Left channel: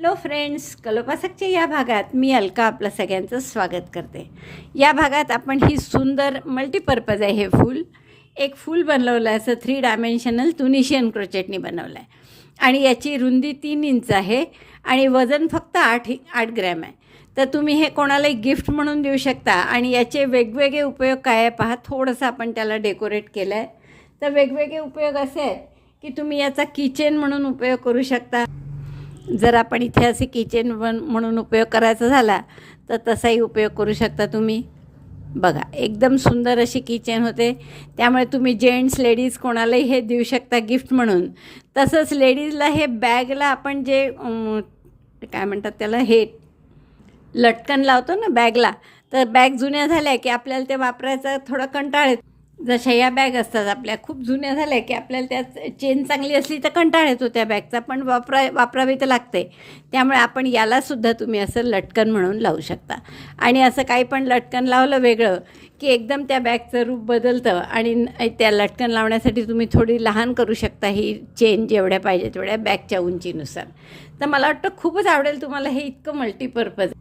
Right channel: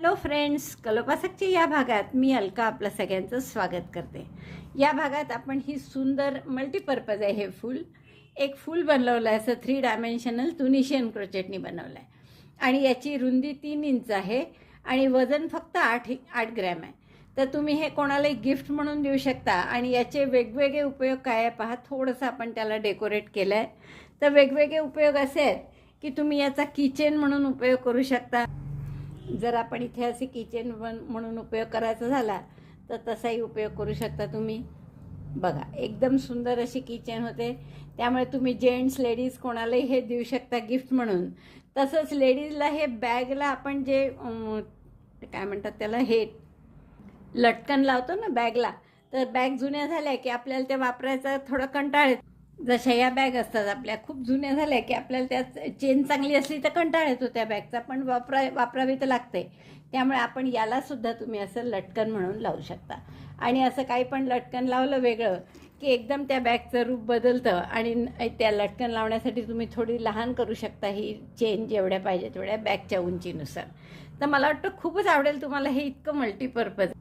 Hello friends कलोपासकच्या या भागात मी अलका आपलं सगळ्यांचं स्वागत करते. या भागात आपण ही सुंदर मल्टीपर्पज आहे हे फूल. एक फूल बनवलं आहे असं थ्री डायमेन्शनल तुनिशियन क्रोचेटनी बनवलं आहे आणि याची रुंदी तीन इंच आहे आणि वजन फक्त आठ आठ ग्रॅम आहे. तर तुम्ही हे कोणालाही गिफ्ट म्हणून देऊ शकता आणि याचे वेगवेगळे उपयोग काय आहे पहा थोडंसं आपण त्याला डेकोरेट केलं आहे तर वेगवेगळे उपयोग असे आहेत की तुम्ही याचा किचन म्हणून उपयोग करू शकता. जर आपण इथे असे किचन वन म्हणून उपयोग करायचा झाला तर तसाही उपयोग करू शकता तुम्ही. बघा एकदम सुंदर अशी किचन होते. त्यामुळे तुम्ही जेंट्स लेडीज कोणालाही हे देऊ शकता गिफ्ट म्हणून. तसंच लेडीजला हे बॅगला आपण जे काय म्हणतात त्याला हे लटकन लावतो ना बॅगला तर बॅग जुन्या झाल्या की आपल्याला ते वापरायचा थोडा कंटाळ येतो. जशा या बॅग असतात आपल्या खूप जुन्या झाल्या की आपल्याला त्यात चेन चांगली असली तर कंटाळ येतो त्या बॅगचा पण वापरा वापरावी तर लागते. त्यामुळे आपण यालासुद्धा तुम्ही असं लटकन म्हणून लावू शकता. आणि असं काही पण लटकन लावलं वेगळं की एकदम त्या बॅगचं रूप बदलतं आणि त्या लटकन लावण्यासाठी तुम्ही थोडी लहान करू शकता ही चेन जेवढ्या पाहिजे तेवढ्या बॅगच्या उंचीनुसार. तर मला वाटतं खूपच आवडेल तुम्हाला हे इतकं मल्टीपर्पज.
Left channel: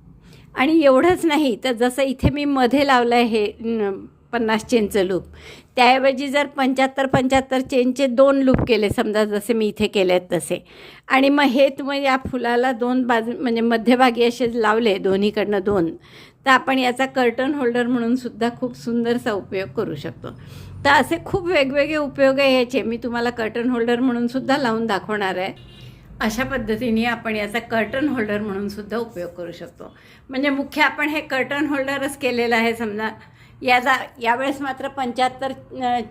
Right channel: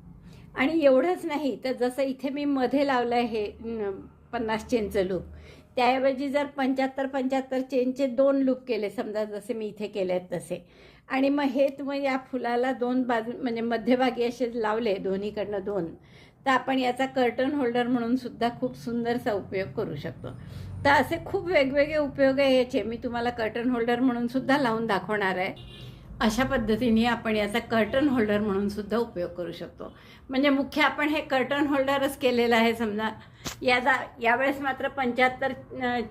आणि एवढंच नाही तर जसं इथे मी मध्ये लावलं आहे हे पन्नास चेनचं लूप त्याऐवजी जर पंच्याहत्तर पंच्याहत्तर चेनचे दोन लूप केले समजा जसे मी इथे केले आहेत तसे. आणि मग हे तुम्ही या फुलाला दोन बाजू म्हणजे मध्यभागी असे लावले दोन्हीकडनं दोन तर आपण याचा कर्टन होल्डर म्हणून सुद्धा खूप सुंदरसा उपयोग करू शकतो. तर असे खूप वेगवेगळे उपयोग आहे याचे. मी तुम्हाला कर्टन होल्डर म्हणून सुद्धा लावून दाखवणार आहे. अशा पद्धतीने आपण याचा कर्टन होल्डर म्हणून सुद्धा उपयोग करू शकतो. म्हणजे मुख्य आपण हे कर्टन होल्डरच केलेलं आहे समजा. याचा यावेळेस मात्र पंच्याहत्तर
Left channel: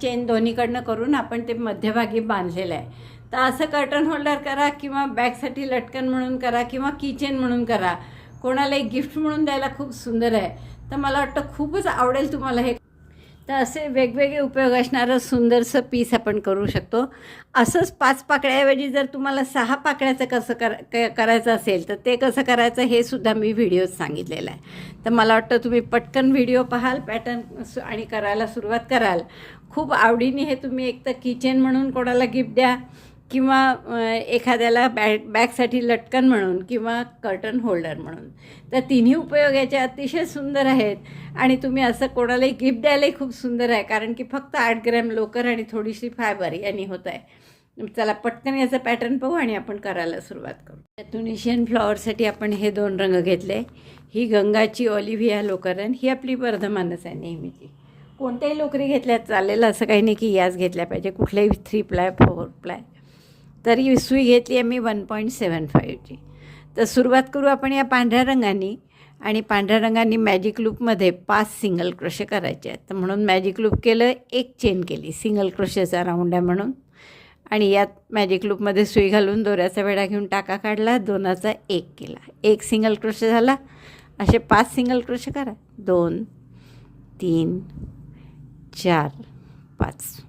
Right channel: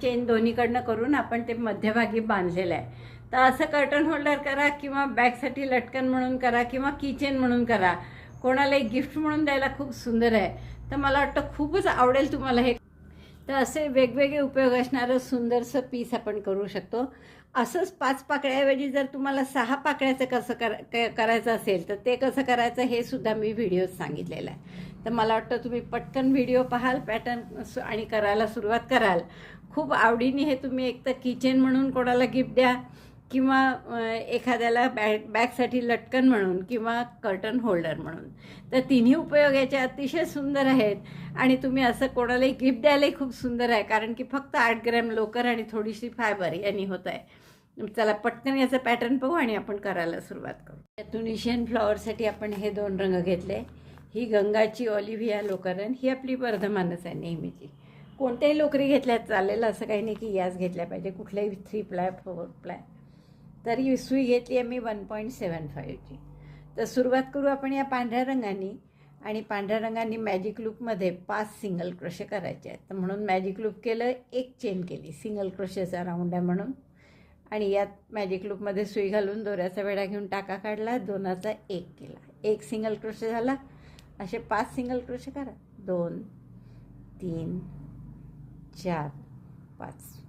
चेन दोन्हीकडनं करून आपण ते मध्यभागी बांधलेलं आहे. तर असं कर्टन होल्डर करा किंवा बॅगसाठी लटकन म्हणून करा किंवा किचन म्हणून करा. कोणालाही गिफ्ट म्हणून द्यायला खूप सुंदर आहे. तर मला वाटतं खूपच आवडेल तुम्हाला हे तर असे वेगवेगळे उपयोग असणारं सुंदरसं पीस आपण करू शकतो. असंच पाच पाकळ्याऐवजी जर तुम्हाला सहा पाकळ्याचं कसं कर क- करायचं असेल तर ते कसं करायचं हे सुद्धा मी व्हिडिओत सांगितलेलं आहे. तर मला वाटतं तुम्ही पटकन व्हिडिओ पाहाल पॅटर्न आणि करायला सुरुवात कराल. खूप आवडीने हे तुम्ही एक तर किचन म्हणून कोणाला गिफ्ट द्या किंवा एखाद्याला बॅग बॅगसाठी लटकन म्हणून किंवा कर्टन होल्डर म्हणून. तर तिन्ही उपयोग याचे अतिशय सुंदर आहेत आणि तुम्ही असं कोणालाही गिफ्ट द्यायलाही खूप सुंदर आहे कारण की फक्त आठ ग्रॅम लोकर आणि थोडीशी फायबर यांनी होत आहे. चला पटकन याचं पॅटर्न पाहू आणि आपण करायला सुरुवात करू. त्या तुनिशियन फ्लॉवरसाठी आपण हे दोन रंग घेतले. ही गंगाची ऑलिव्हिया लोकरन ही आपली वर्धमानच आहे नेहमीची. कोणत्याही लोकरी घेतल्यात चालेल असं काही नाही की याच घेतल्या पाहिजे. कुठल्याही थ्री प्लाय फोर प्लाय तर ही सुई घेतली आहे मी वन पॉईंट सेवन फाईव्हची तर सुरुवात करू आपण या पांढऱ्या रंगाने आणि पांढऱ्या रंगाने मॅजिक लूपमध्ये पाच सिंगल क्रोशे करायचे आहेत. तर म्हणून मॅजिक लूप केलं एक चेन केली सिंगल क्रोशेचा राऊंड आहे म्हणून. आणि यात मॅजिक लूपमध्ये सुई घालून दोऱ्याचा वेढा घेऊन टाका काढला दोनाचा एक केला. एक सिंगल क्रोशे झाला. असे पाच सिंगल क्रोशे करा. दोन तीन चार पाच.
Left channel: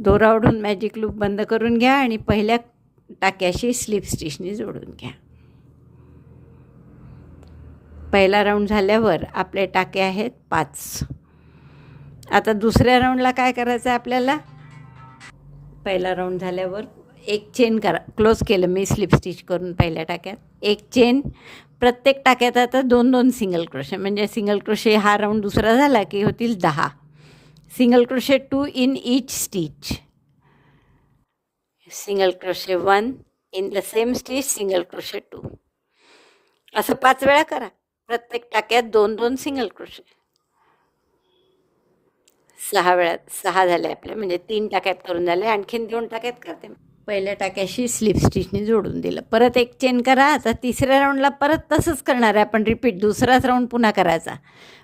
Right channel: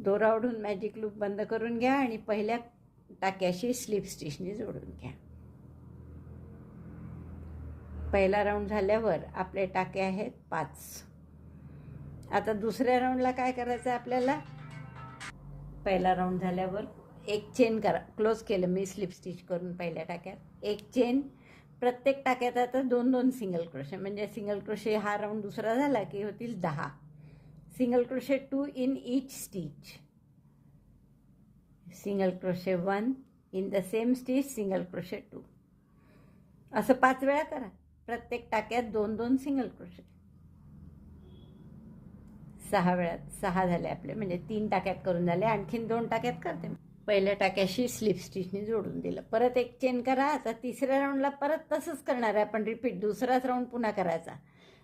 दोरावडून मॅजिक लूप बंद करून घ्या आणि पहिल्या टाक्याशी स्लिप स्टिचने जोडून घ्या. पहिला राऊंड झाल्यावर आपले टाके आहेत पाच. आता दुसऱ्या राऊंडला काय करायचं आहे आपल्याला? पहिला राऊंड झाल्यावर एक चेन करा. क्लोज केलं मी स्लिप स्टिच करून पहिल्या टाक्यात. एक चेन प्रत्येक टाक्यात आता दोन दोन सिंगल क्रोशे म्हणजे सिंगल क्रोशे हा राऊंड दुसरा झाला की होतील दहा. Single crochet two in each stitch. Single crochet one in the same stitch single crochet two असं पाच वेळा करा. प्रत्येक टाक्यात दोन दोन सिंगल क्रोशे सहा वेळा सहा झाले आपले. म्हणजे तीन टाक्यात करून झाले. आणखीन दोन टाक्यात करते पहिल्या टाक्याशी स्लिप स्टिचने जोडून दिलं. परत एक चेन करा. आता तिसऱ्या राऊंडला परत तसंच करणार आहे आपण. रिपीट दुसराच राऊंड पुन्हा करायचा.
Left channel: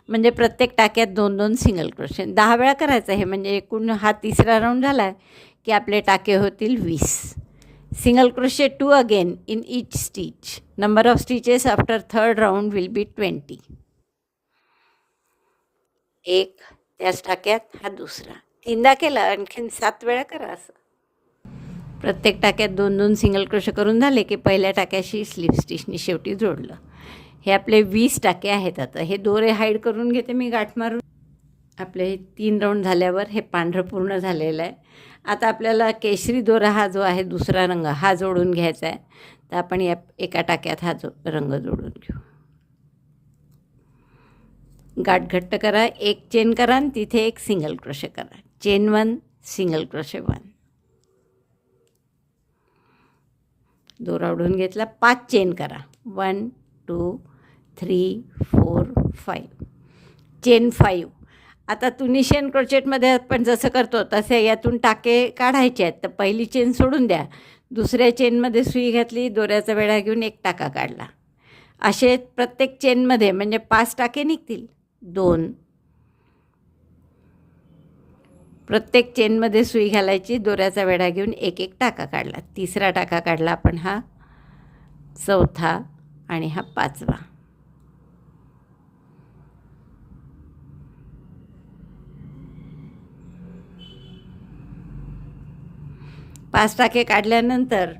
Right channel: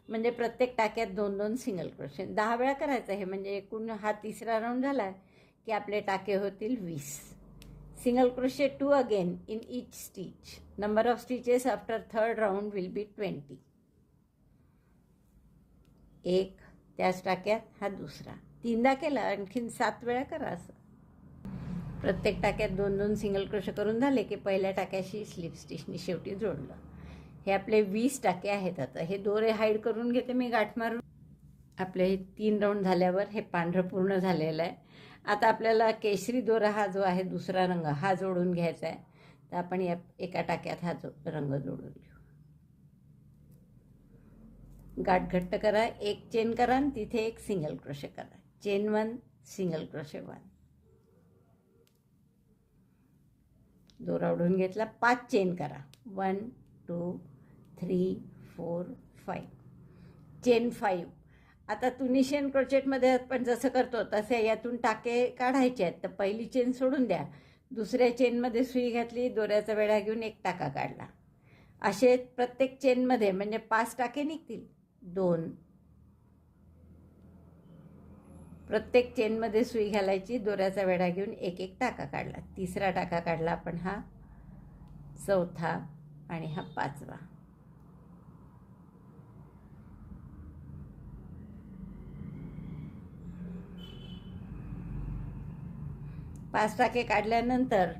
म्हणजे प्रत्येक टाक्यात दोन दोन सिंगल क्रोशे दहा वेळा करायचं हे म्हणजे एकूण हा तिसरा राऊंड झाला की आपले टाके होतील वीस. Single crochet two again in each stitch number of stitches after third round will be twenty एक त्याच टाक्यात हा दुसरा. तीनदा केला आणखीन सात वेळा करा असं. प्रत्येक टाक्यात दोन दोन सिंगल क्रोशे करून झाले की पहिल्या टाक्याशी स्लिप स्टिचनी शेवटी जोडलं. हे आपले वीस टाके आहेत आता. हे दोरे हाईड करून घेते मी गाठ मारून. आपले तीन राऊंड झाल्यावर हे पांढरं पूर्ण झालेलं आहे. आता आपल्याला केशरी दोरा हा जो आहे दुसरा रंग हा जोडून घ्यायचा आहे. तर आपण या एका टाक्यात हा जो रंग जोडून घेऊ. गाठ घट्ट करा. एक चेन करा आणि तिथे एक सिंगल क्रोशे करा. Chain one single crochet one दोरा ओढून घेतला. पाच चेन करा. One two three four five chain five आता तुनिशियन क्रोचेटमध्ये आपण जसं करतो तसे यातून टाके काढायचे आहेत. तर पहिली चेन सोडून द्या. दुसऱ्या चेनमध्ये सुई घातली दोऱ्याचा वेळा घेऊन एक टाका काढला. असे प्रत्येक चेनमध्ये म्हणजे पाच टाके निघतील. दोन. प्रत्येक चेनमध्ये सुई घालायची दोऱ्याचा वेढा घेऊन एक एक टाका काढला. तिसरा टाका काढला आपण हा चौथा आणि हा पाचवा. पाच टाके काढल्यानंतर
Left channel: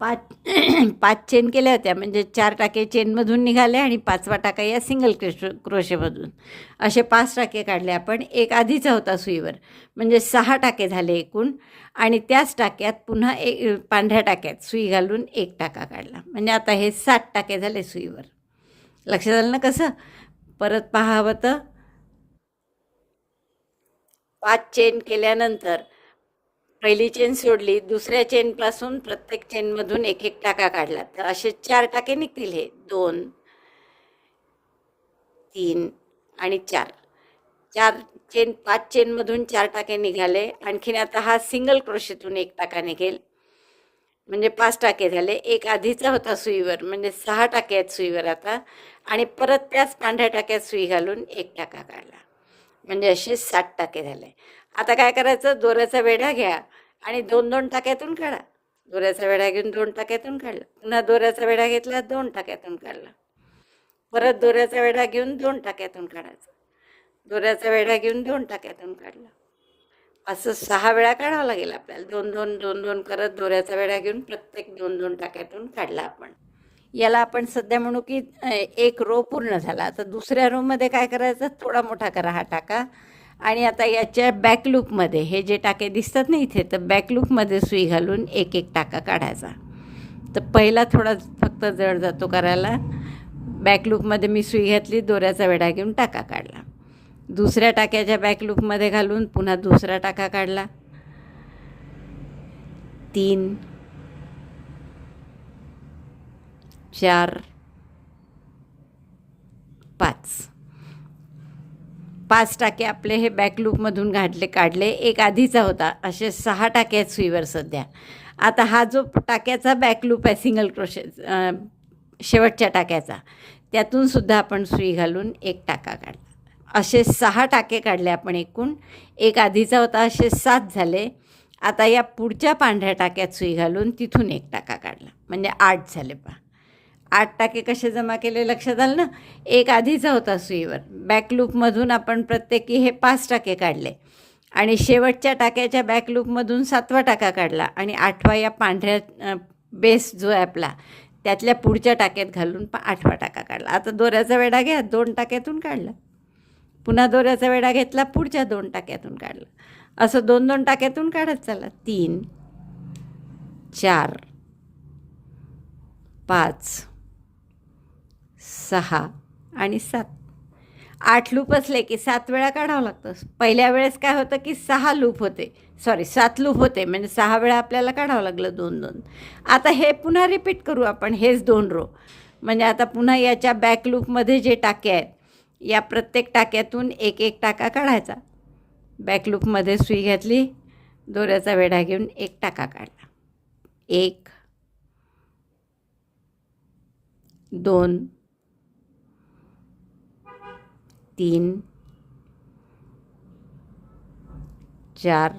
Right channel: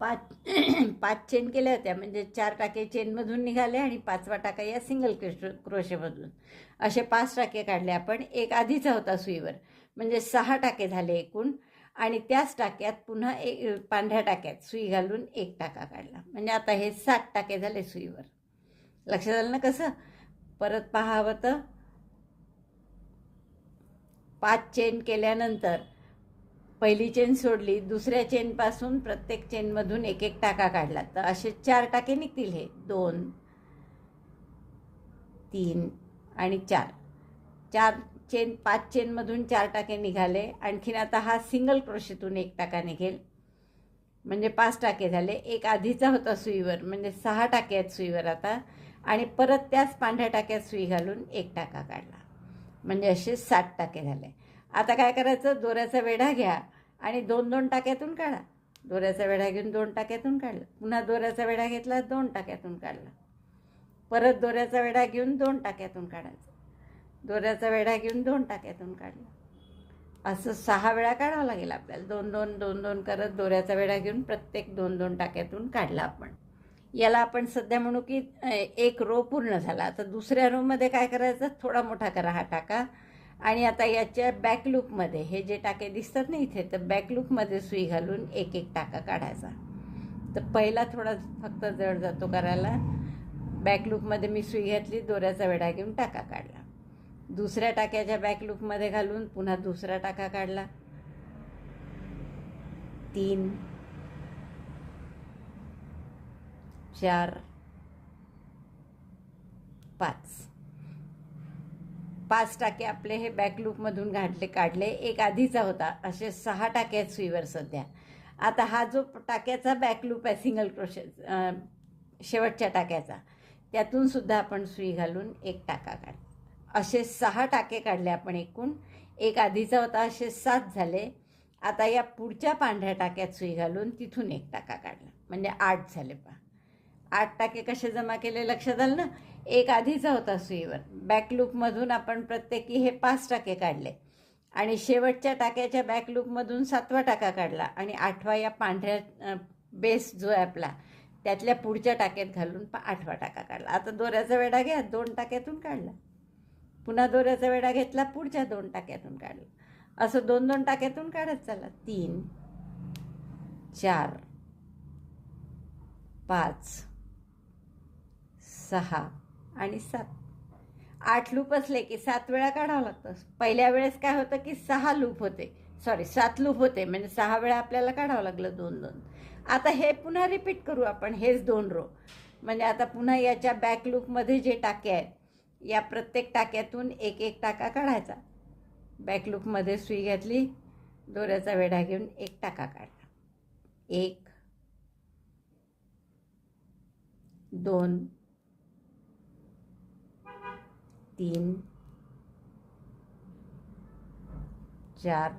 पाच पाच चेन केल्या होत्या. म्हणजे चार टाके चेनमधून निघाले आणि पाचवा टाका या सिंगल क्रोश क्रोशेमधून असे पाच टाके काढले आपण. एक आधीचा होता सुईवर. म्हणजे सहा टाके झाले एकूण. आणि त्याच टाक्यात पुन्हा एक पांढऱ्या टाक्यात सुई घालून एक टाका काढला. म्हणजे आता हे सात टाके झाले सुईवर. लक्षात आलं ना कसं? परत पाहावं तर पाच चेन केल्यानंतर पहिली चेन सोडली दुसऱ्या चेनपासून प्रत्येक चेनमधून एक एक टाका काढला. तर असे चार टाके निघतील हे. दोन तीन आणि चार. चार चेन पाच चेनमधून चार टाके निघाले. आणखीन आता हा सिंगल क्रोशेतून एक टाका निघेल. म्हणजे पाच टाके झाले. एक आधीचा होता सुईवर म्हणजे सहा टाके आहेत सुईवर आता. आणि परत त्याच पांढऱ्या टाक्यात सुई घालून एक टाका काढला. म्हणजे असे सात टाके झाले. आता काय करायचं? दोऱ्याचा वेढा घ्या आणि दोन दोन टाक्यातून काढा. दोऱ्याचा वेढा घेऊन दोन टाक्यातून काढला. पुन्हा दोऱ्याचा वेढा घेतला दोन टाक्यातून काढला. परत दोऱ्याचा वेढा घेऊन दोन टाक्यातून काढायचा. दोऱ्याचा वेढा घेऊन दोन टाक्यातून काढला. असं सहा वेळा काढावं लागेल आपल्याला. दोन दोन दोन दोन करत दोऱ्याचा वेढा घेऊन प्रत्येक दोन दोन टाक्यातून काढला आपण. याला आपण सध्या म्हणू की एक रो पूर्ण झाला. तर दुसऱ्या रोमध्ये काय करायचं? थोडा मोठा करा हा टाका. आणि आता याच्या बॅक लूपमध्ये हे जे टाके दिसतात ना इथे तर बॅक लूपमध्ये सुई घालून एक एक टाका काढायचा. तर पहिला थोडा फक्त जड जातो करायला. बॅक लूपमध्ये मी सुई घातली दोऱ्याचा वेढा घेऊन टाका काढला. दुसऱ्या टाक्याच्या बॅक लूपमध्ये घालून पुन्हा दुसरा टाका काढला. तीन चार पाच पाच टाके आपले हे बॅक लूपमधून घातले काढले. एक आधीचा होता. असे सहा टाके आहेत सुईवर सध्या. आता हा जो टाक्याचा बॅक लूप आहे सिंगल क्रोशे शेवटच्या टाक्याचा त्यातून सुद्धा आपण सुई घालून एक टाका काढला. असे सहा टाके काढले आपण एकूण. एक आधीचा होता असे सात झाले. आता या पुढच्या पांढऱ्या टाक्यात सुई घालून तिथून एक टाका काढला. म्हणजे आठ झाले पहा. आठ टाके कसे जमा केले लक्षात आलं ना? एक आधीचा होता सुईवर. बॅकलूपमधून आपण प्रत्येकी हे पाच टाके काढले. आणि शेवटच्या टाक्याच्या बॅकलूपमधून सातवा टाका काढला. आणि आठवा या पांढऱ्या बेस जो आहे आपला त्यातल्या पुढच्या टाक्यात घालून पा आठवा टाका काढला. आता दोऱ्याचा वेढा घ्या दोन टाक्यातून काढला. पुन्हा दोऱ्याचा वेढा घेतला पुढच्या दोन टाक्यातून काढला. असं दोन दोन टाक्यातून काढत चला. तीन चार पाच सहा आणि सात. आठ लूप असले की सात वेळा काढावं लागतं. पहिल्या वेळेस काय होतं की सहा लूप होते. सॉरी सात लूप होते. म्हणजे सहा वेळा आपल्याला काढावं लागलं दोन दोन. आता हे पुन्हा रिपीट करू आपण. हेच दोन रो म्हणजे आता पुन्हा याच्या बॅक लूपमध्ये जे टाके आहेत या प्रत्येक टाक्यातून एक एक टाका काढायचा. बॅक लूपमध्ये सुई घातली दोऱ्याचा वेढा घेऊन एक टाका काढला. एक दोन तीन चार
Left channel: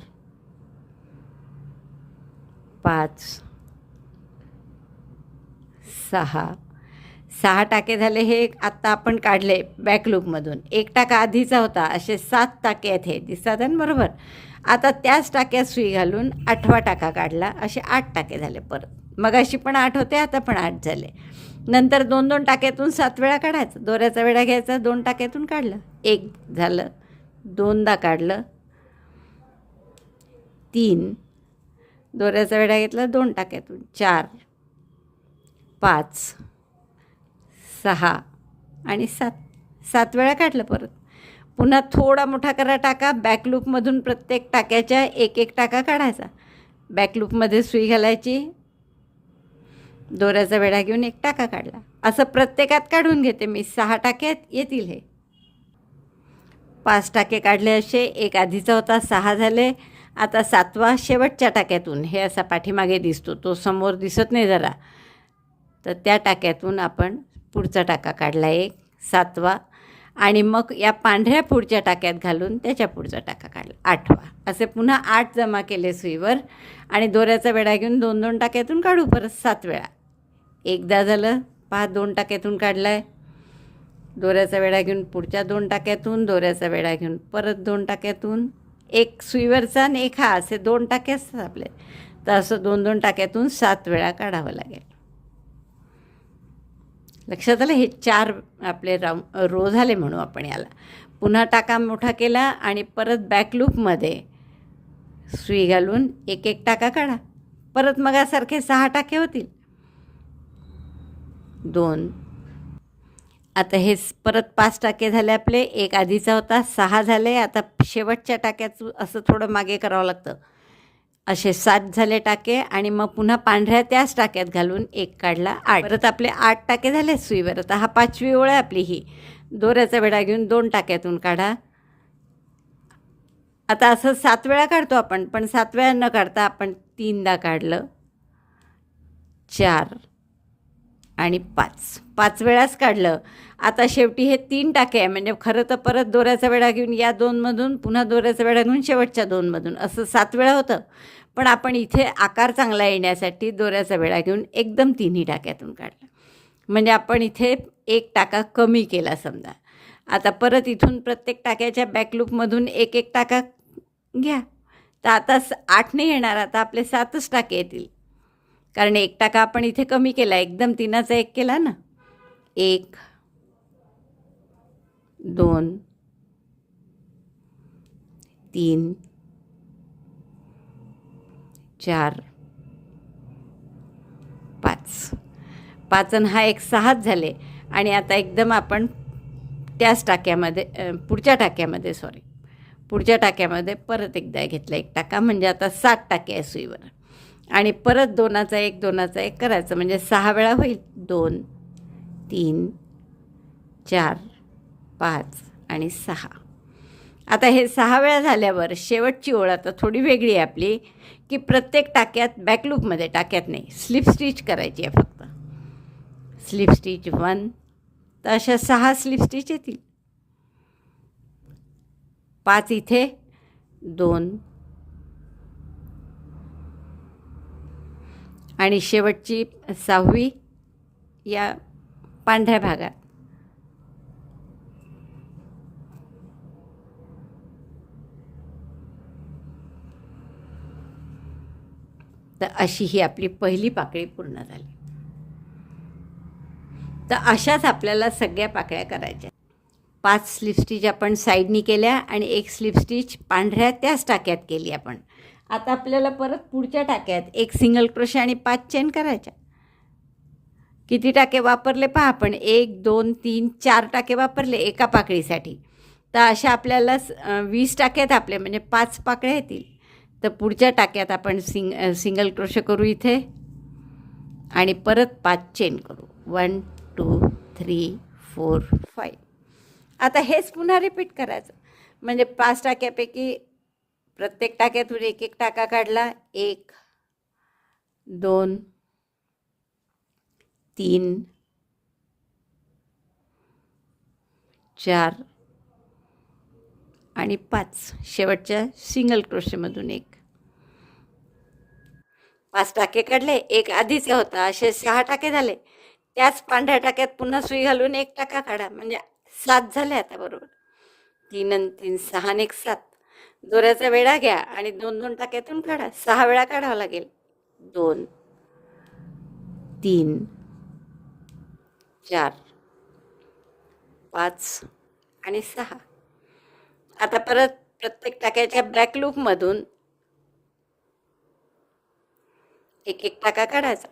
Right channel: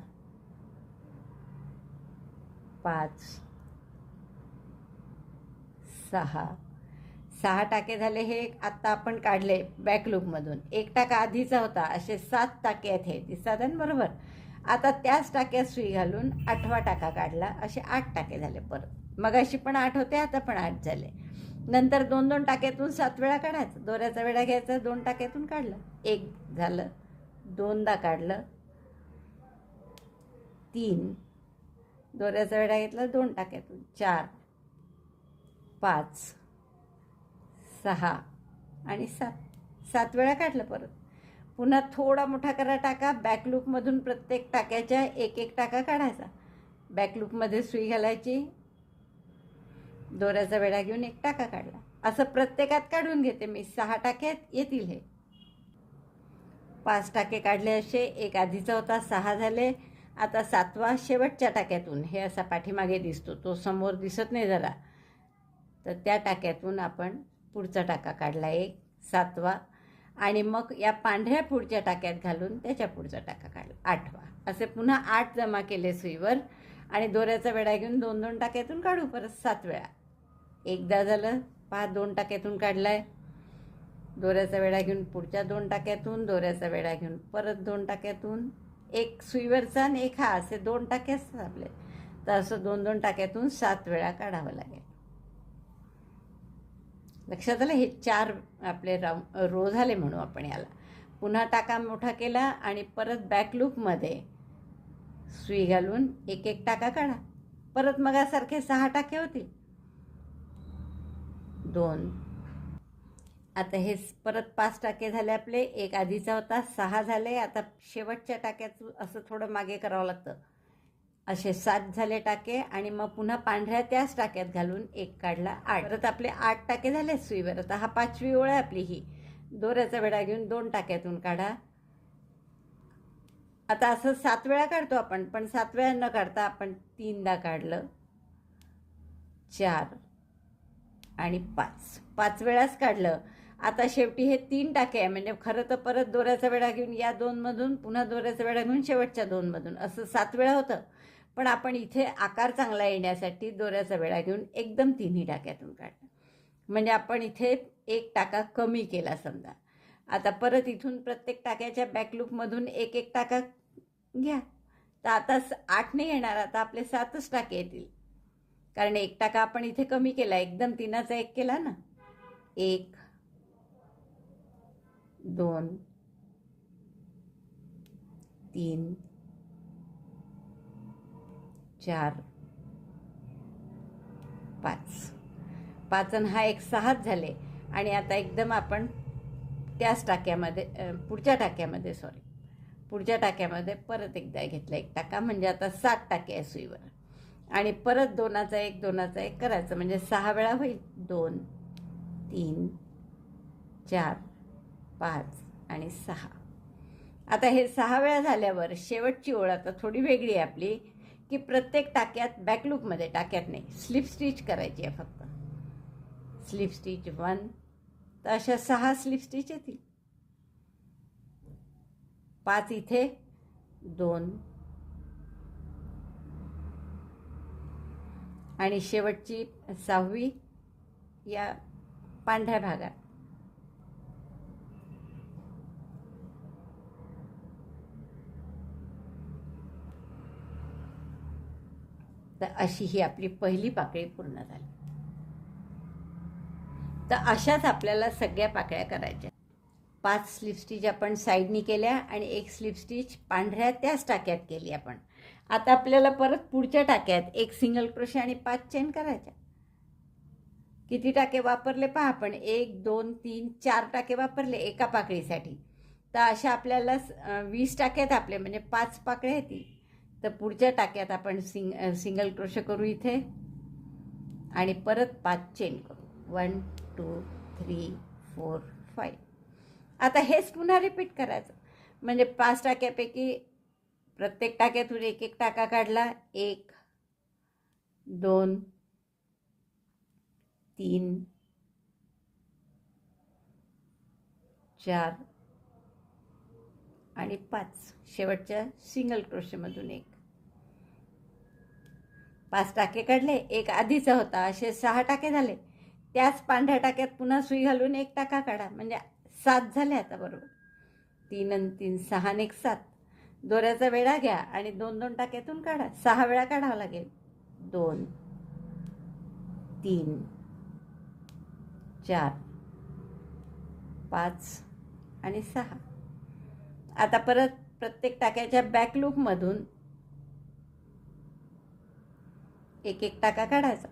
पाच सहा. सहा टाके झाले हे आत्ता आपण काढले बॅकलूकमधून एक टाका आधीचा होता असे सात टाके आहेत हे. दिसतात बरोबर? आता त्याच टाक्यात सुई घालून आठवा टाका काढला असे आठ टाके झाले परत. मग अशी पण आठ होते आता पण आठ झाले. नंतर दोन दोन टाक्यातून सात वेळा काढायचं. दोऱ्याचा वेळा घ्यायचा दोन टाक्यातून काढलं. एक झालं दोनदा काढलं. तीन. दोऱ्याचा वेढा घेतला दोन टाक्यातून. चार. पाच. सहा. आणि सात. सात वेळा काढलं परत. पुन्हा थोडा मोठा करा टाका. बॅकलूपमधून प्रत्येक टाक्याच्या एक एक टाका काढायचा. बॅकलूपमध्ये सुई घालायची. दोऱ्याचा वेढा घेऊन एक टाका काढला. असं प्रत्येकात काढून घेते मी. सहा टाक्यात येतील हे. पाच टाके काढले असे. एक आधीचा होता सहा झाले. आता सातवा शेवटच्या टाक्यातून. हे असा पाठीमागे दिसतो. तो समोर दिसत नाही जरा. तर त्या टाक्यातून आपण पुढचा टाका काढला. एक सातवा. आणि मग या पांढऱ्या पुढच्या टाक्यात घालून त्याच्या पुढचा टाका काढला. आठवा. असे पुन्हा आठ जमा केले सुईवर. आणि दोऱ्याचा वेढा घेऊन दोन दोन टाक्यातून काढू. परत सात वेळा. एकदा झालं पहा दोन टाक्यातून काढला आहे दोऱ्याचा वेढा घेऊन पुढच्या दोन टाक्यातून दोऱ्याचा वेढा घेऊन परत दोन टाक्यातून. एक सुईवरचा आणि एक हा असे दोन टाके असतात आपले. तर असं दोन दोन टाक्यातून सात वेळा काढावं लागेल. लक्षात आलं? हे चार आपले राऊ रो झाले म्हणू आपण याला. पुन्हा टाका मोठा केला आणि परत बॅकलूपमध्ये सुई घालून एक एक टाका काढा. परत मगासारखे सहा टाके होतील. दोन. आता हे परत पाच टाके झाले आपले. एक आधीचा होता सहा झाले. आता शेवटच्या टाक्याचं असं थोडं मागे करावं लागतं. असे सात झाले टाके आणि मग पुन्हा पांढऱ्या त्याच टाक्यात घालून एक काढला आठ. परत आपले आठ टाके झाले सुईवर. आता हा पाचवी ओळ आहे आपली ही. दोऱ्याचा वेढा घेऊन दोन टाक्यातून काढा. आता असं सात वेळा काढतो आपण पण सात वेळा न काढता आपण तीनदा काढलं. चार. आणि पाच. पाच वेळाच काढलं. आता शेवटी हे तीन टाके आहे. म्हणजे खरं तर परत दोऱ्याचा वेळा घेऊन या दोनमधून पुन्हा दोऱ्याचा वेळा घेऊन शेवटच्या दोनमधून. असं सात वेळा होतं. पण आपण इथे आकार चांगला येण्यासाठी दोऱ्याचा वेळा घेऊन एकदम तिन्ही टाक्यातून काढला. म्हणजे आपण इथे एक टाका कमी केला समजा. आता परत इथून प्रत्येक टाक्याच्या बॅकलूपमधून एक एक टाका घ्या. तर आता स- आठ नाही येणार. आता आपले सातच टाके येतील. कारण एक टाका आपण इथे कमी केला? एकदम तिनाचा एक केला ना? एक दोन तीन चार पाच. पाच आणि हा एक सहाच झाले. आणि आता एकदम आपण त्याच टाक्यामध्ये पुढच्या टाक्यामध्ये सॉरी पुढच्या टाक्यामध्ये परत एकदा घेतला एक टाका. म्हणजे आता सात टाके आहे सुईवर आणि परत दोनाचा एक दोनाचा एक करायचं. म्हणजे सहा वेळा होईल. दोन तीन चार पाच आणि सहा. आता हे सहा वेळा झाल्यावर शेवटची ओळ आता थोडी वेगळी आहे आपली की प्रत्येक टाक्यात बॅकलूपमध्ये टाक्यात नाही. स्लिप स्टिच करायची आहे फक्त. स्लिप स्टिच वन तर अशा सहा स्लिप स्टिच येतील. पाच इथे दोन आणि शेवटची सहावी या पांढऱ्या भागात. तर अशी ही आपली पहिली पाकळी पूर्ण झाली. तर अशाच आपल्याला सगळ्या पाकळ्या करायच्या. पाच स्लिप स्टिच आपण साईडनी केल्या आणि एक स्लिप स्टिच पांढऱ्या त्याच टाक्यात केली आपण. आता आपल्याला परत पुढच्या टाक्यात एक सिंगल क्रोशे आणि पाच चेन करायच्या. किती टाके वापरले पहा आपण. एक दोन तीन चार टाके वापरले एका पाकळीसाठी. तर अशा आपल्याला वीस टाक्यात आपले म्हणजे पाच पाकळ्या येतील. तर पुढच्या टाक्यात आपण सिंग सिंगल क्रोशे करू इथे. आणि परत पाच चेन करू. One two three four five आता हेच पुन्हा रिपीट करायचं. म्हणजे पाच टाक्यापैकी प्रत्येक टाक्यातून एक एक टाका काढला. एक दोन तीन चार आणि पाच. शेवटच्या सिंगल क्रोशेमधून एक. पाच टाके काढले. एक आधीचा होता. असे सहा टाके झाले. त्याच पांढऱ्या टाक्यात पुन्हा सुई घालून एक टाका काढा. म्हणजे सात झाले आता बरोबर. तीन आणि तीन सहा आणि एक सात. दोऱ्याचा वेळा घ्या आणि दोन दोन टाक्यातून काढा. सहा वेळा काढावं लागेल. दोन तीन चार पाच आणि सहा. आता परत प्रत्येक टाक्याच्या बॅक लूपमधून एक एक टाका काढायचा.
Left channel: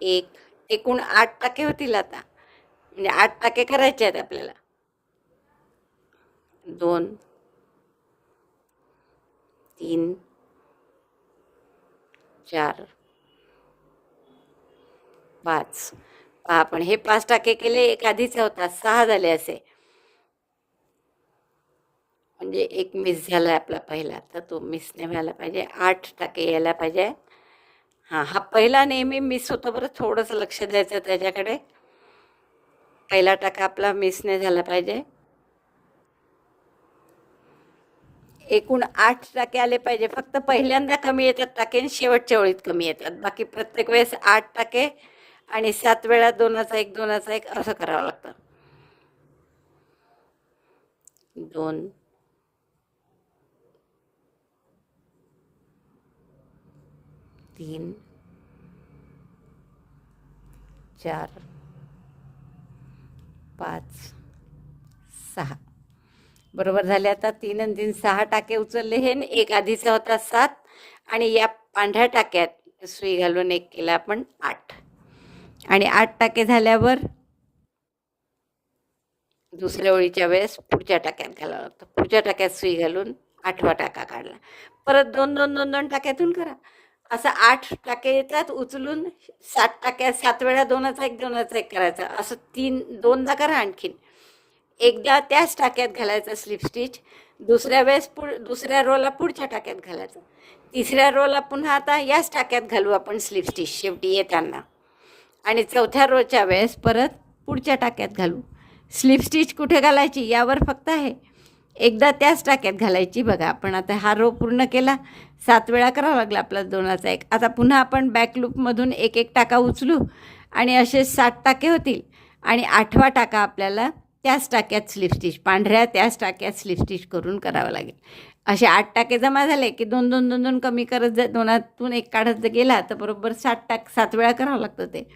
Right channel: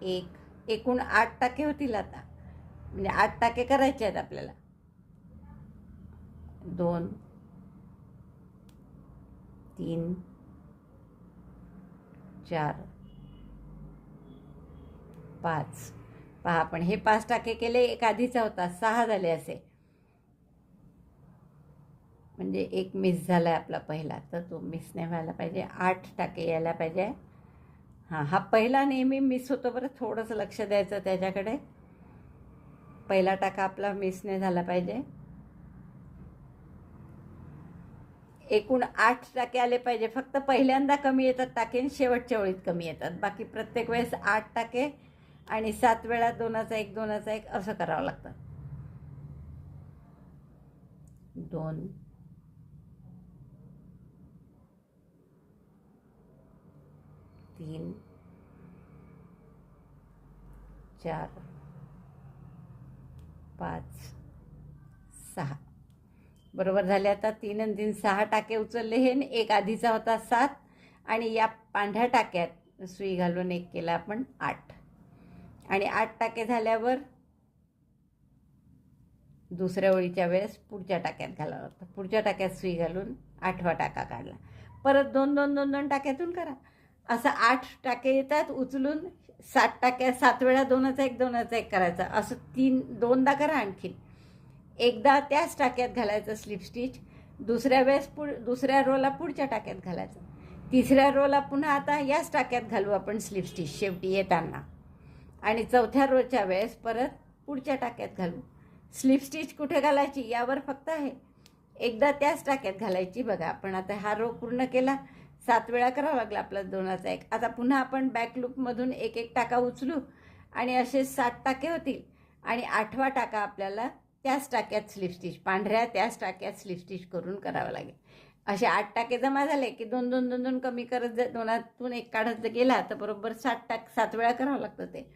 एक एकूण आठ टाके होतील आता. म्हणजे आठ टाके करायचे आहेत आपल्याला. दोन तीन चार पाच. पहा आपण हे पाच टाके केले एक आधीचा होता सहा झाले असे. म्हणजे एक मिस झाला आहे आपला पहिला तर तो मिस नाही व्हायला पाहिजे. आठ टाके यायला पाहिजे. हां हा पहिला नेहमी मिस होतो बरं थोडंसं लक्ष द्यायचं त्याच्याकडे. पहिला टाका आपला मिस नाही झाला पाहिजे. एकूण आठ टाके आले पाहिजे. फक्त पहिल्यांदा कमी येतात टाके आणि शेवटच्या ओळीत कमी येतात. बाकी प्रत्येक वेळेस आठ टाके आणि सात वेळा दोनाचा एक दोनाचा एक असं करावं लागतं. दोन. तीन. चार. पाच. सहा. बरोबर झाले. आता तीन आणि तीन सहा टाके उचलले हे एक आधीचा होता सात आणि या पांढऱ्या टाक्यात सुई घालून एक केला आपण आठ. आणि आठ टाके झाल्यावर दुसऱ्या ओळीच्या वेळेस पुढच्या टाक्यात घालावं लागतं. पुढच्या टाक्यात सुई घालून आठवा टाका काढला. परत दोन दोन दोन दोन टाक्यातून करा. असं आठ टाके येतात उचलून सात टाक्या सात वेळा दोनाचा एक दोनाचा एक करायचा. असं तीन दोनदा करा आणखीन. एकदा त्याच टाक्यात घालायचं स्लिप स्टिच दुसऱ्या वेळेस पुढ दुसऱ्या रोला पुढच्या टाक्यात घालायचं. तिसऱ्या रोला पुन्हा आता याच टाक्यात घालू आपण स्लिप स्टिच शेवटी येताना. आणि चौथ्या रोच्या वेळेस परत पुढच्या टाक्यात घालू. स्लिप स्टिच कुठे घालायची यावर फक्त आहे. एकदा त्याच टाक्यात घालायची बघा आपण आता हा रो पूर्ण केला. सात वेळा करावा लागला आपला दोनाचा एक. आता पुन्हा आपण बॅक लूपमधून एक एक टाका उचलू. आणि असे सात टाके होतील. आणि आठवा टाका आपल्याला त्याच टाक्यात स्लिप स्टिच पांढऱ्या त्याच टाक्यात स्लिप स्टिच करून करावं लागेल. असे आठ टाके जमा झाले की दोन दोन दोन दोन कमी करत जर दोनातून एक काढत जर गेला तर बरोबर सात टाक सात वेळा करावं लागतं ते.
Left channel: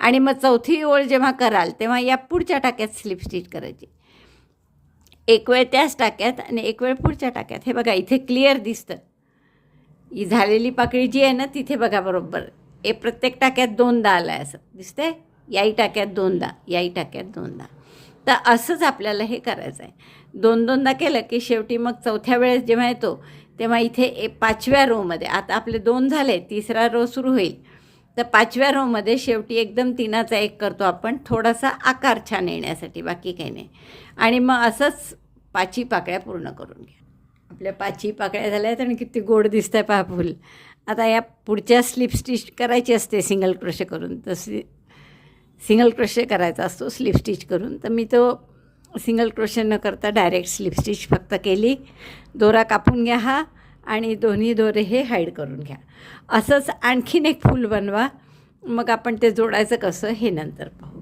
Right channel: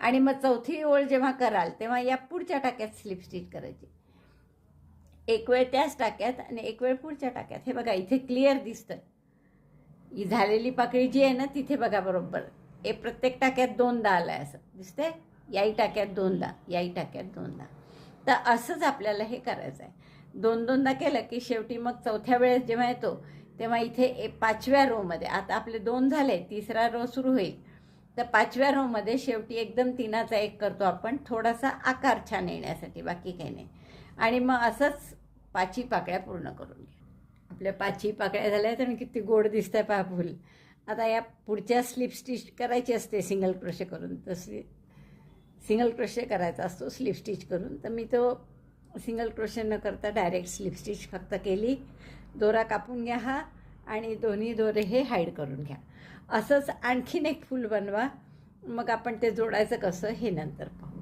आणि मग चौथी ओळ जेव्हा कराल तेव्हा या पुढच्या टाक्यात स्लिप स्टिच करायची. एक वेळ त्याच टाक्यात आणि एक वेळ पुढच्या टाक्यात. हे बघा इथे क्लिअर दिसतं. ही झालेली पाकळी जी आहे ना तिथे बघा बरोबर. हे प्रत्येक टाक्यात दोनदा आलं आहे असं. दिसतंय? याही टाक्यात दोनदा याही टाक्यात दोनदा. तर असंच आपल्याला हे करायचं आहे. दोन दोनदा केलं की शेवटी मग चौथ्या वेळेस जेव्हा येतो तेव्हा इथे ए पाचव्या रोमध्ये आता आपले दोन झाले तिसरा रो सुरू होईल. तर पाचव्या रोमध्ये शेवटी एकदम तिनाचा एक करतो आपण थोडासा आकार छान येण्यासाठी बाकी काही नाही. आणि मग असंच पाची पाकळ्या पूर्ण करून घ्या. आपल्या पाची पाकळ्या झाल्या आहेत आणि किती गोड दिसत आहे पहा फुल. आता या पुढच्या स्लिप स्टिच करायची असते सिंगल क्रोशे करून तशी सिंगल क्रोशे करायचा असतो स्लिप स्टिच करून. तर मी तो सिंगल क्रोशे न करता डायरेक्ट स्लिप स्टिच फक्त केली. दोरा कापून घ्या हा आणि दोन्ही दोरे हे हाईड करून घ्या. असंच आणखीन एक फूल बनवा. मग आपण ते जोडायचं कसं हे नंतर पाहू.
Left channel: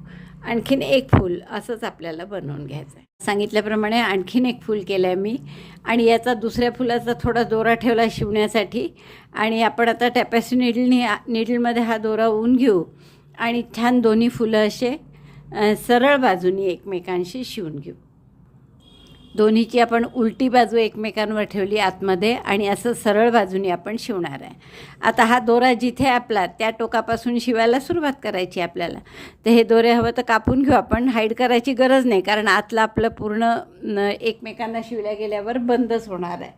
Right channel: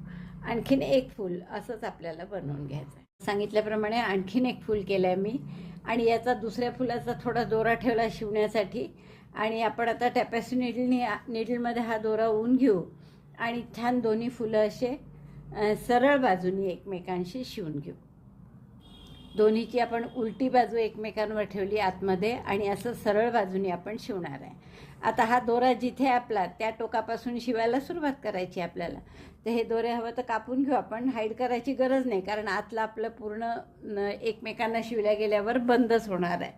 आणखीन एक फूल असंच आपल्याला बनवून घ्यायचं आहे सांगितल्याप्रमाणे आणखीन एक फूल केलं आहे मी. आणि याचा दुसऱ्या फुलाचा थोडा दोरा ठेवला शिवण्यासाठी. आणि आपण आता टॅपॅसी निडलनी निडलमध्ये हा दोरा ऊन घेऊ. आणि छान दोन्ही फुलं असे सरळ बाजूनी एकमेकांशी शिवून घेऊ. दोन्हीची आपण उलटी बाजू एकमेकांवर ठेवली आतमध्ये आणि असं सरळ बाजूनी आपण शिवणार आहे. आता हा दोरा जिथे आपला त्या टोकापासून शिवायला सुरुवात करायची आपल्याला. तर हे दोरे हवं तर कापून घेऊ आपण हाईड करायची गरज नाही कारण आतलं आपलं पूर्ण एकमेकांना शिवल्या गेल्यावर बंदच होणार आहे.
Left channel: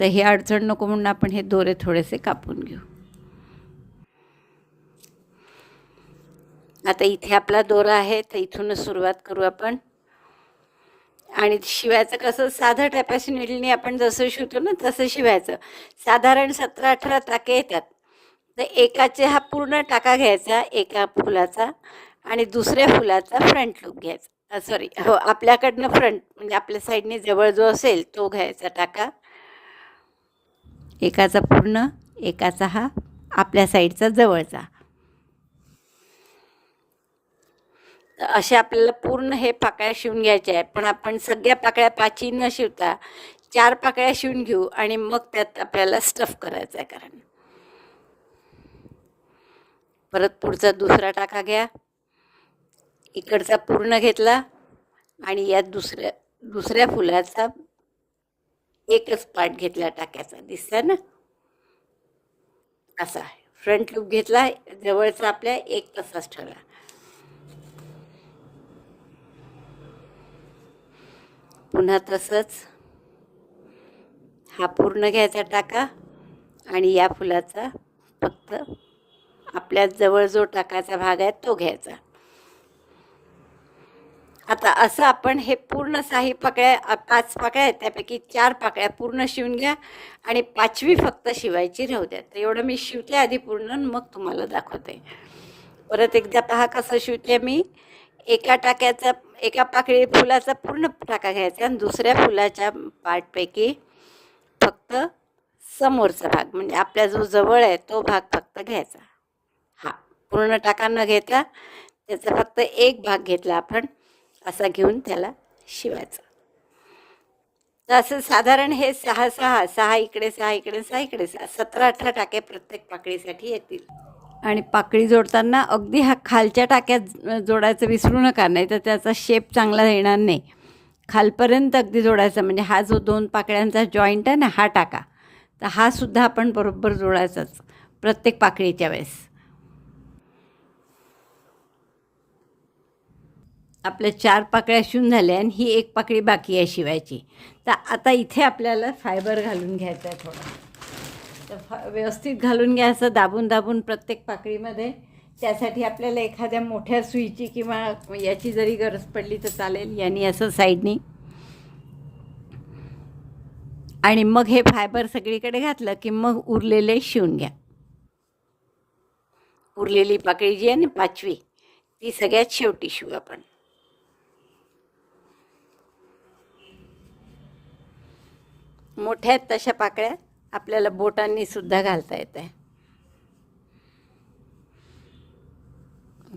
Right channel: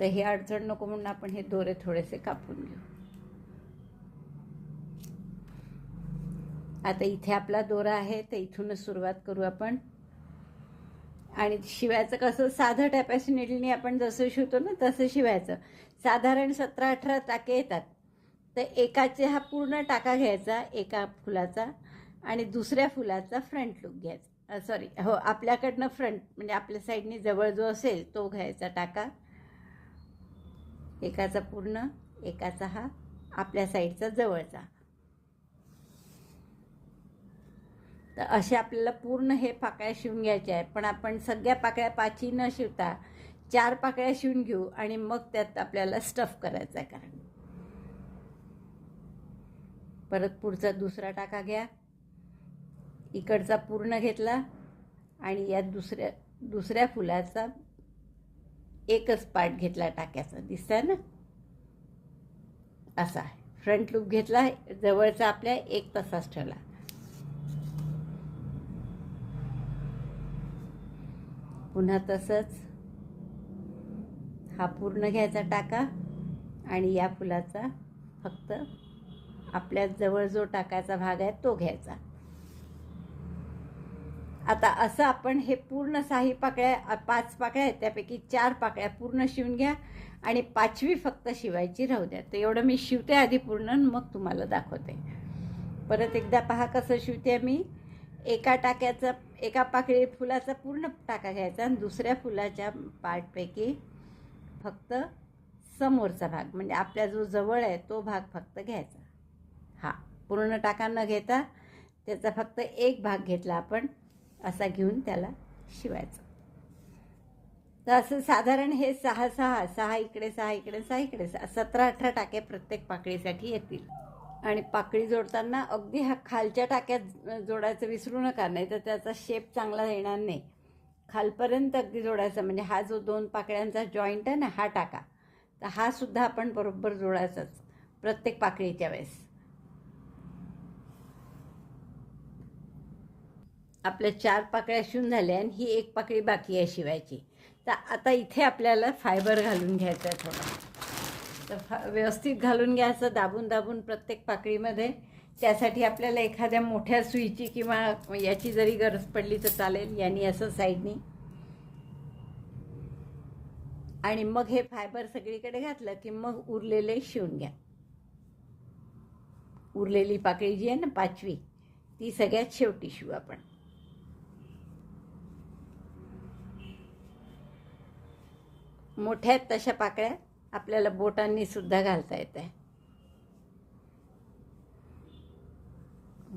तर हे अडचण नको म्हणून आपण हे दोरे थोडेसे कापून घेऊ. आता इथे आपला दोरा आहे तर इथूनच सुरुवात करू आपण. आणि शिवायचं कसं साधं टॅपॅसी आपण जसं शिवतो ना तसं शिवायचं. साधारण सतरा अठरा टाके येतात. तर एकाचे हा पूर्ण टाका घ्यायचा एका फुलाचा आणि दुसऱ्या फुलाचा फ्रंट लुक घ्यायचा. सॉरी हो आपल्याकडनं फ्रंट म्हणजे आपल्या साईडने जवळ जो असेल तो घ्यायचा टाका. एकाचा पूर्ण एकाचा हा आपल्या साईडचा जवळचा. तर अशा आपल्याला पूर्ण हे पाकळ्या शिवून घ्यायच्या आहेत. पण आपण सगळ्या पाकळ्या पाची न शिवता चार पाकळ्या शिवून घेऊ आणि मग त्यात आपल्याला स्टफ करायचं आहे कारण. परत पुढचा दुसरा टाका घ्या. इकडचा पूर्ण घेतला आणि यात दुसऱ्या दुसऱ्या फुलाचा एकच पार्ट घेतला टाक्याचा. दिसतंय ना? असा फ्रंट लूप घेतला जवळचा आपल्या एक तसाच ठेवला. पुन्हा तसंच हा पूर्ण घ्यायचा टाका आणि या फुलाचा फक्त आपल्या जवळ जो टाकायचा भाग आहे तो घ्यायचा. आता असं आपण हे पूर्ण साही पाकळ्या पाच पाकळ्या आहेत त्यापैकी चार पाकळ्या पूर्ण शिवून घ्या आणि पाचवी फक्त शिवायची राहू द्या. तर एवढं मी शिवते आधी पूर्ण मग तुम्हाला दाखवते. परत एकदा पहा कसं शिवते मी. एका टाक्याचा एका पाकळी फुलाचा पूर्ण टाका घ्यायचा आणि दुसऱ्या फुलाच्या पार्टपैकी फक्त समोरचा भाग म्हणजे आपल्या जो जवळ आहे तो भाग फक्त घ्यायचा. हा पूर्ण टाका न घेता त्याचा फक्त एक भाग घेतला आपण असा घेऊन त्याला शिवायचं. तर असं साधारण हे सहा सहा सहा इकडे सहा इकडे सहा इकडे सहा सतरा अठरा टाके प्रत्येक पाकळीसाठी येतील. आणि पाकळी जोडताना अगदी हा खालच्या टाक्यात जोडायचं विसरू नका नाही तर त्याचा शेप चांगला येणार नाही. खालपर्यंत अगदी जोडायचा म्हणजे हा जो दोन पाकळ्यांचा जॉईंट आहे ना हा टाका. तर हा सुद्धा आपण बरोबर जोडायचाच प्रत्येक पाकळीच्या वेळेस. आपल्या चार पाकळ्या शिवून झाल्या आणि ही एक पाकळी बाकी आहे शिवायची. तर आता इथे आपल्याला फायबर घालून घ्यायचं आहे थोडं. व्यवस्थित घालून घ्यायचं दाबून दाबून प्रत्येक पाकळीमध्ये. त्यासाठी आपल्याला एखाद्या मोठ्या सुईची किंवा याची जरी गरज पडली तर चालेल यांनी असं साईडनी. आणि मग हे फायबर सगळीकडे घातलं की मग उरलेले शिवून घ्या. उरलेली पाकळी जी आहे ना पाचवी ती सगळ्यात शेवटी शिवू आपण. मोठ्या आहेत तशा पाकळ्या. आपल्याला बोटांनी सुद्धा घालता येत आहे.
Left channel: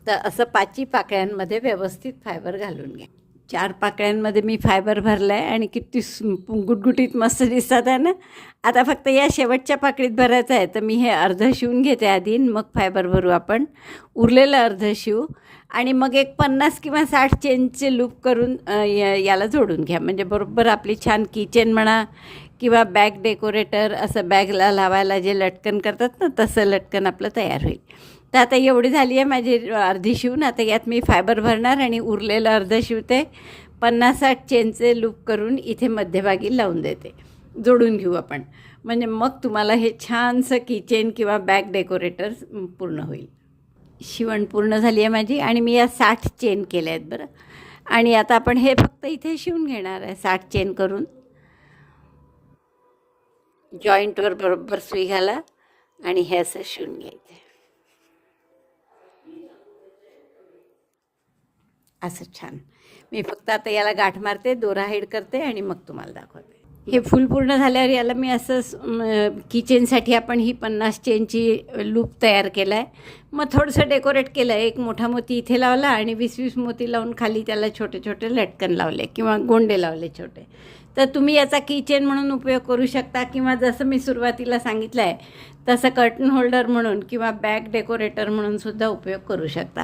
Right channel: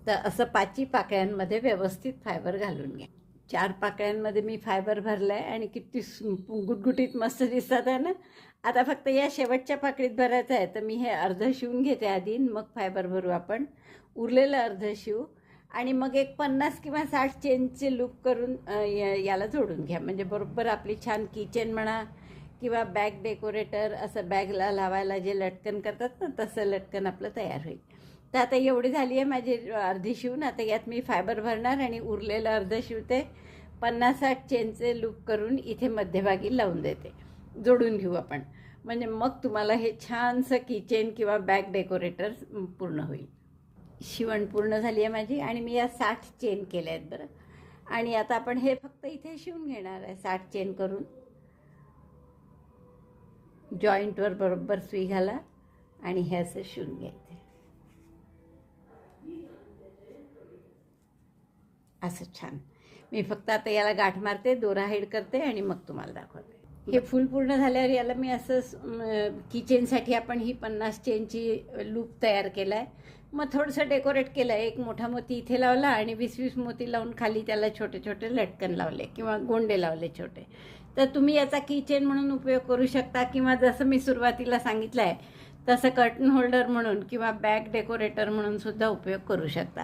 तर असं पाची पाकळ्यांमध्ये व्यवस्थित फायबर घालून घ्या. चार पाकळ्यांमध्ये मी फायबर भरलं आहे आणि किती सु- गुटगुटीत मस्त दिसतात आहे ना? आता फक्त या शेवटच्या पाकळीत भरायचं आहे तर मी हे अर्ध शिवून घेते आधी मग फायबर भरू आपण. उरलेलं अर्ध शिवू आणि मग एक पन्नास किंवा साठ चेनचे लूप करून याला जोडून घ्या. म्हणजे बरोबर आपली छान किचन म्हणा किंवा बॅग डेकोरेटर असं बॅगला लावायला जे लटकन करतात ना तसं लटकन आपलं तयार होईल. तर आता एवढी झाली आहे माझी अर्धी शिवून आता यात मी फायबर भरणार आणि उरलेलं अर्धं शिवते. पन्नास साठ चेनचे लूप करून इथे मध्यभागी लावून देते. जोडून घेऊ आपण. म्हणजे मग तुम्हाला हे छानसं किचन किंवा बॅग डेकोरेटर पूर्ण होईल. शिवण पूर्ण झाली आहे माझी आणि मी या साठ चेन केल्या आहेत बरं. आणि आता आपण हे फक्त इथे शिवून घेणार आहे साठ चेन करून. जॉईंटवर बरोबर सुई घाला आणि हे असं शिवून घ्यायचे. असं छान. मी फक्त आता याला गाठ मारते दोरा हेड करते आणि मग तुम्हाला दाखवते. हे फुल पूर्ण झाल्यावर याला मी असं किचनसाठी आपण ही पन्नास चेनची लूप तयार केला आहे मग थोडंसं डेकोरेट केलं आहे एक मोठा मोती इथे लावला आणि वीस वीस मोती लावून खाली त्याला छोटे छोटे लटकन लावले किंवा गोंडे लावले छोटे. तर तुम्ही याचा किचन म्हणून उपयोग करू शकता किंवा जसं मी सुरुवातीला सांगितलं आहे तसं कर्टन होल्डर म्हणून किंवा बॅग डेकोरेटर म्हणून सुद्धा उपयोग करू शकता.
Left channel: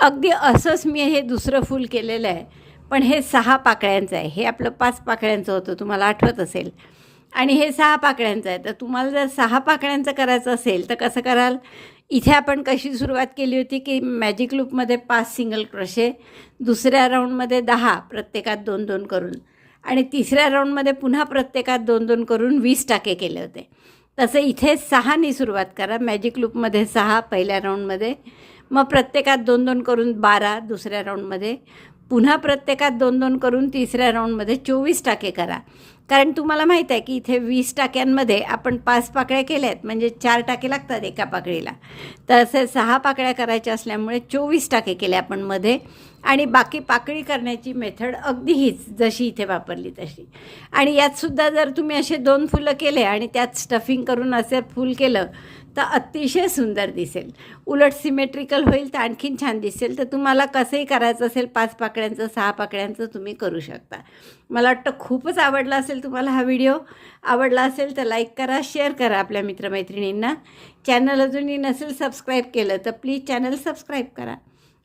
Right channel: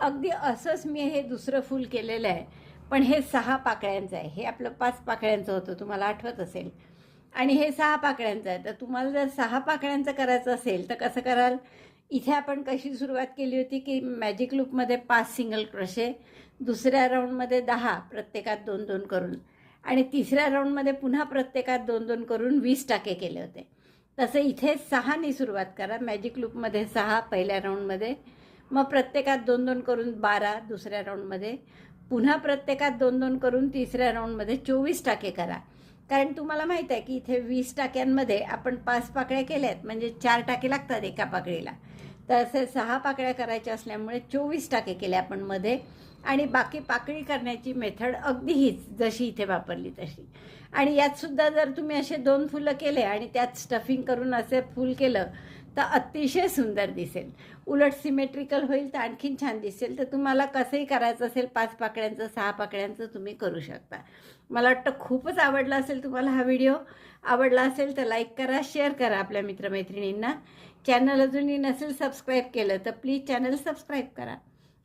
अगदी असंच मी हे दुसरं फूल केलेलं आहे पण हे सहा पाकळ्यांचं आहे. हे आपलं पाच पाकळ्यांचं होतं तुम्हाला आठवत असेल. आणि हे सहा पाकळ्यांचं आहे. तर तुम्हाला जर सहा पाकळ्यांचं करायचं असेल तर कसं कराल? इथे आपण कशी सुरुवात केली होती की मॅजिक लूपमध्ये पाच सिंगल क्रोशे दुसऱ्या राऊंडमध्ये दहा प्रत्येकात दोन दोन करून. आणि तिसऱ्या राऊंडमध्ये पुन्हा प्रत्येकात दोन दोन करून वीस टाके केले होते. तसं इथे सहानी सुरुवात करा. मॅजिक लूपमध्ये सहा पहिल्या राऊंडमध्ये मग प्रत्येकात दोन दोन करून बारा दुसऱ्या राऊंडमध्ये पुन्हा प्रत्येकात दोन दोन करून तिसऱ्या राऊंडमध्ये चोवीस टाके करा. कारण तुम्हाला माहीत आहे की इथे वीस टाक्यांमध्ये आपण पाच पाकळ्या केल्या आहेत. म्हणजे चार टाके लागतात एका पाकळीला. तर असे सहा पाकळ्या करायच्या असल्यामुळे चोवीस टाके केले आपण मध्ये. आणि बाकी पाकळी करण्याची मेथड अगदी हीच जशी इथे वापरली तशी. आणि यातसुद्धा जर तुम्ही असे दोन फुलं केले आणि त्यात स्टफिंग करून असे फूल केलं तर अतिशय सुंदर दिसेल. उलट सिमेट्रिकल होईल तर आणखीन छान दिसेल. तर तुम्हाला कसंही करायचं असेल पाच पाकळ्यांचं सहा पाकळ्यांचं तुम्ही करू शकता. मला वाटतं खूपच आवडला असेल तुम्हाला हा व्हिडिओ. आवडला असेल तर लाईक करा शेअर करा आपल्या मित्रमैत्रिणींना. चॅनल अजूनही नसेल सबस्क्राईब केलं तर प्लीज चॅनल सबस्क्राईब करा.